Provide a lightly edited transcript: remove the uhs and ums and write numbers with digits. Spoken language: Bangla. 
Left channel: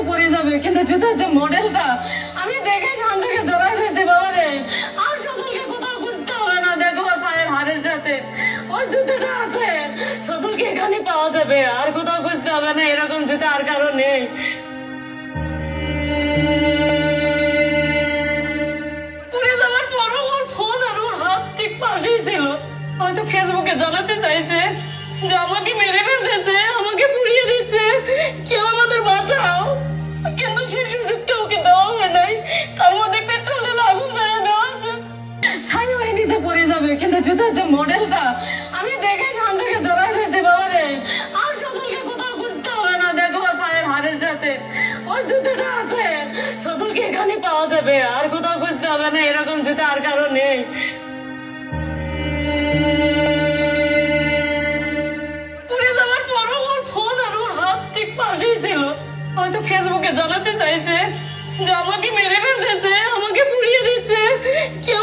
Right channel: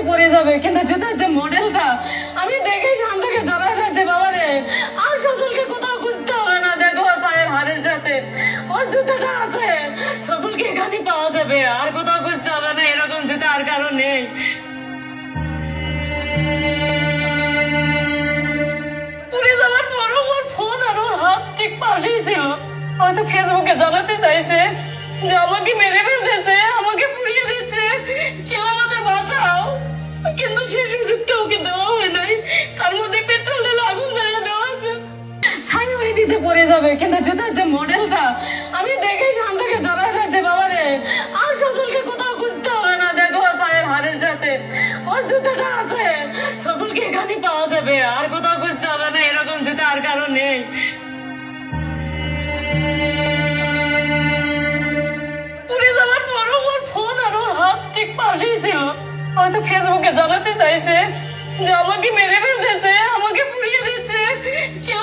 নিচে পড়ে যাবে, কিন্তু জুতার যে মডেলটা আমি দেখে শান্তাকে জড়াই ধরছে বাবা রে। আর সজলকে কোথাও খুঁজতে হবে না, দেখো ওর পায়ের হাড়ের সাথে ওর জুতোটা আছে। সজলকে এখানে পাওয়া যাবে, আর কোথাও খুঁজতে হবে না, এরকম জুতা আর কারো নেই। পুড়ে যাওয়ার পরও ওর ফোন আর ওর হাত ঠিক পাশেই ছিল। হয়তো ফেসবুকে জানাতে চাইছে যে আমাকে মেরে ফেলতেছে, আমাকে পুড়িয়ে দিচ্ছে, কেউ আমাদের বাঁচাও। কিন্তু সেই সুযোগটা ওকে দেওয়া হয় নাই। তার মধ্যে পেট্রোলের আগুন জ্বালিয়ে দেওয়া আছে। ছাই হয়ে নিচে পড়ে যাবে, কিন্তু জুতার যে মডেলটা আমি দেখে শান্তাকে জড়াই ধরছে বাবা রে। আর সজলকে কোথাও খুঁজতে হবে না, দেখো ওর পায়ের হাড়ের সাথে ওর জুতোটা আছে। সজলকে এখানে পাওয়া যাবে, আর কোথাও খুঁজতে হবে না, এরকম জুতা আর কারো নেই। পুড়ে যাওয়ার পরও ওর ফোন আর ওর হাত ঠিক পাশেই ছিল। হয়তো ফেসবুকে জানাতে চাইছে যে আমাকে মেরে ফেলতেছে, আমাকে পুড়িয়ে দিচ্ছে, কেউ